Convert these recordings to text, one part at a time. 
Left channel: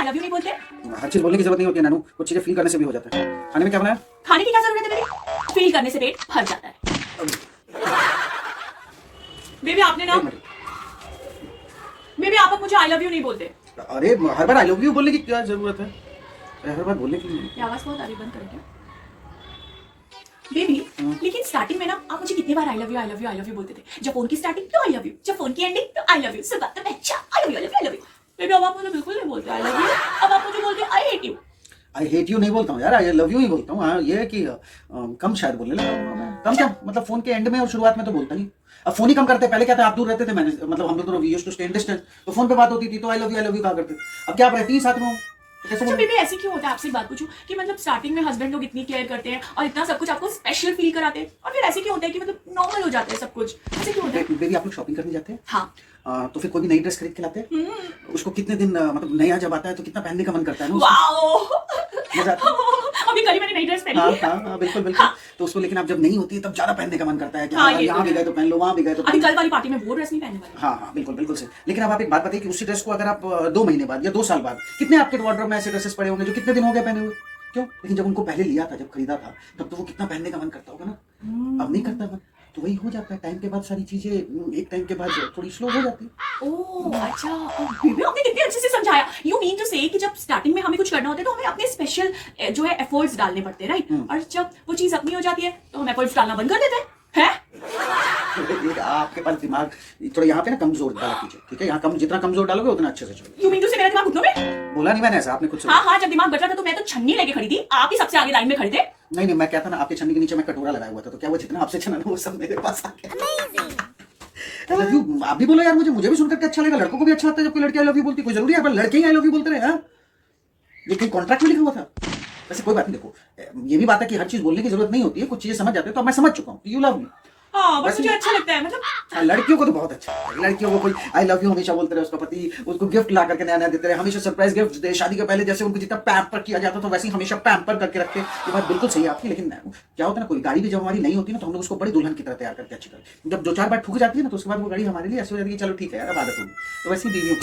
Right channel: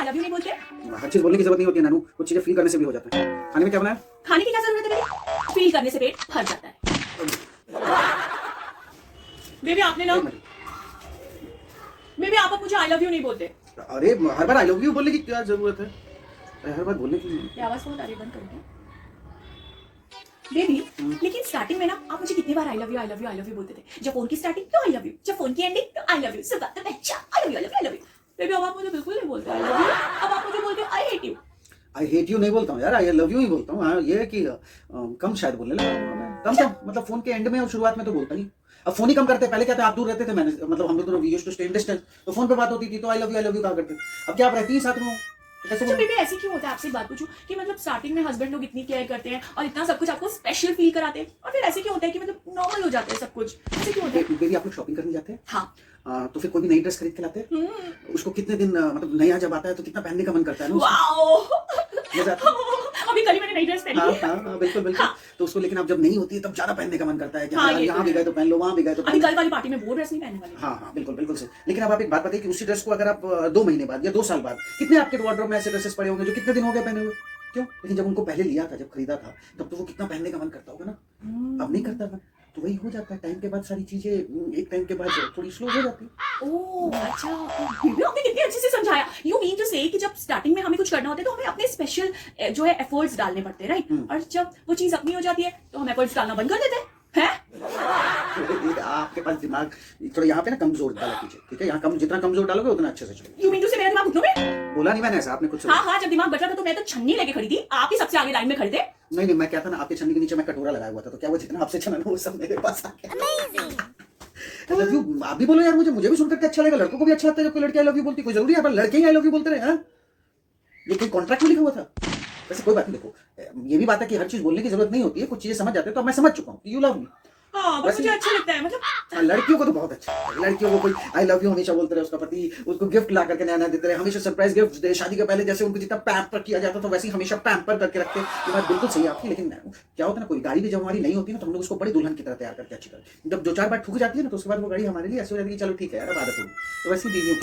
I love you नहीं बोलते? हर चीज बोलने की जरूरत नहीं होती है नानू, कुछ चीजें फील करने से भी हो जाता है। खाने में क्या बनाया? खाने की क्या जरूरत है बेबी? फील करने से पेट भर जाता है। बेबी आपने ना, बेबी आप अब मुझे आई लव यू नहीं बोलते। अरे हर बार आई लव यू बोलने की क्या जरूरत है? हर बार बोलने की ये आवाज बहुत आ रही, बंद करेंगे बेबी। लेकिन स्टार्टिंग में ना आप मुझे कितनी बार I love you I love you I love you बोलते थे। जब फोन की स्टार्टिंग तो आई लव यू, जब फोन की एंडिंग तो आई लव यू, सब बात तो अच्छा I love you I love you I love you. Baby अब आप मुझे बिल्कुल नहीं बोलते आई लव यू, अब आप मुझे बोलते I hate you. I hate you नहीं बोलता हूँ यार, आई लव यू ही बोलता हूँ। हाँ ये है कि कम शायद बोलने लगा हूँ। कम क्या मतलब फोन के एंड में और शुरुआत में तो बोलता नहीं। अब फोन ही कम करते, पहले क्या था आप दूर रहते थे, मैंने मतलब हम लोग दोनों we used to stay in distance, तो फोन पे बात होती थी तो आई लव यू कहा करते। अब क्या आप रहती ही साथ में हो तो कैसे अच्छा बोलूं? बेबी ऐसी क्यों होता है? आपसे एक बात पूछूं कि मतलब स्टार्टिंग में हस्बैंड लोग इतनी केयर करते हैं और इतना सब कुछ आपको स्पेशल फील कराते हैं, और फिर ऐसे क्यों होता है कि मतलब नॉर्मल हो जाता है सब कुछ? ऐसे क्यों होता है? बेबी आप लोग शॉपिंग करने जाते हैं? हाँ। तो फिर कोई भी नई ड्रेस खरीद के लाते हैं, उसको कितने दिन मतलब नया जब आता है तो कितना पहनने का मन करता है ना उसको? वाओ मजा आता है। अभी कल ही मैंने नई ड्रेस पहनी हाँ है। हाँ बिल्कुल बिल्कुल। तो उसको लेकिन अब जब नहीं होती है तब ज्यादा पहनने का मन करता है कि हाँ, हाँ ये यहाँ तो भी है। गए तो पहन लो, वहाँ भी गए तो अभी कल वाली पार्टी में वो ड्रेस नहीं पहनने वाली। हाँ हाँ बिल्कुल बिल्कुल सही। लेकिन अब आप एक बात बताइए कि उसी ड्रेस को अगर आप 2 महीने बाद या 2 साल बाद, कितने आपके वार्डरोब में ऐसे ड्रेसेस पड़े होंगे जो कितने दिन हो गए पहने हुए? क्यों? लेकिन जब उनको पहले लिया था, जब खरीदा था, तब तो वो कितना पहनने का मन करता होगा ना। अब नहीं करता मन, तो वही हो जाता है। टाइम के बाद सारी चीजें एक टाइम के बाद थोड़ी स्लो हो जाती है। ओह अच्छा, बेबी आपने कितने अच्छे से समझाया। यू मीन टू से कि जब स्टार्टिंग में हमें कुछ करना होता है तो हमें अपने स्पेशल जो है एफर्ट्स डालने पड़ते हैं, राइट? और जब वो चीज अपनी हो जाती है तो हम एफर्ट्स डालना बंद कर देते हैं। आपके पास दिमाग थोड़ा यहाँ पे ना कमजोर डाला कीजिए, ठीक है? यहाँ कम, जितना कमजोर डालोगे उतना अच्छे से चलो। यू मीन टू से मेरा दिमाग घुटनों में? बोला नहीं मैंने ऐसा, आपने खुद हाँ, जब दिमाग बच रहा था तो मैं तो छन्नी लेके खड़ी थी, आप ही सबसे आगे लाइन में खड़े थे। नहीं मैं कहता ना आपके छन्नी के नीचे मैं कटोरा लगाया हुआ था, तो क्या वो जितना आपसे छना वो सब मेरे पास आ गया। आई लव यू आप भी बोलो यार, मुझे भी सुनकर के अच्छा लगेगा। लड़कों को भी अच्छा लगता है जब कोई लड़की आई लव यू बोलती है। कोई जरूरी है पर लड़के ही आई लव यू बोलते रहे? हाँ ये कोई कॉन्ट्रैक्ट में लिखा हुआ था? वैसे कोई बात नहीं, देखो ये भी बात है कि हर चीज बोलने की जरूरत नहीं होती है, कुछ चीजें समझ जाते हैं। तो अब मैं समझ चुका हूँ यू लव मी। हाँ बस मुझे अच्छा लगता है, मतलब लड़कियों को तो बहुत अच्छा है। लड़कियों को कोई आई लव यू हमेशा बोलते रहे, उसका पति उसको गिफ्ट ला करके नया नया देते रहे, हमेशा सरप्राइज गिफ्ट दे। शादी के पहले जैसे उनको जितना पैम्पर किया जाता था वैसे ही हमेशा पैम्पर करके रखते। ये बात बिल्कुल सही है आपकी। लेकिन क्या होता है ना, कोई गाड़ी भी जब हमारी नहीं होती ना तो हम लोग उसको बड़ी दुल्हन की तरह तैयार करके अच्छी कर, जब 2-4 बार ठुक जाती है ना तो उसके बाद वो गाड़ी हमारे लिए ऐसे हो जाती है चलो ठीक है यार अब आदत होगी। तो वैसे बीवियों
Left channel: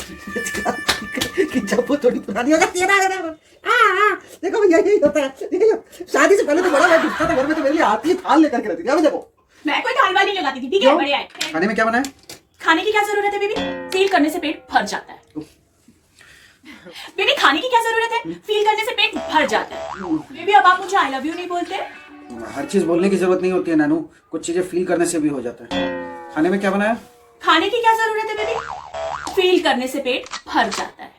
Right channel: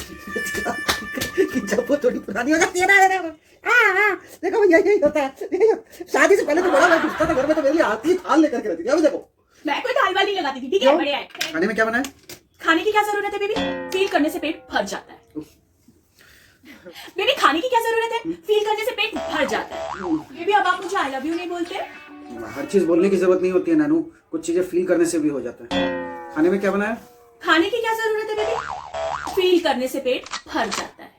की जब वो थोड़ी पुरानी हो जाती है ना, देखो यही होता है। शादी से पहले तो बड़ा मैं दिखता था घर में, तो मेरी आती थाल लेकर के रहती थी। देखो मैं कोई थाल वाली नहीं लगाती थी, ठीक है? बढ़िया है। खाने में क्या बनाया? खाने की क्या जरूरत है बेबी? फील करने से पेट भर जाता है। बेबी खाने की क्या जरूरत है? फील करने से पेट भर जाता है। बेबी अब आप मुझे आई लव यू नहीं बोलते? हर चीज बोलने की जरूरत नहीं होती है नानू, कुछ चीजें फील करने से भी हो जाता है। खाने में क्या बनाया? खाने की क्या जरूरत है बेबी? फील करने से पेट भर जाता है।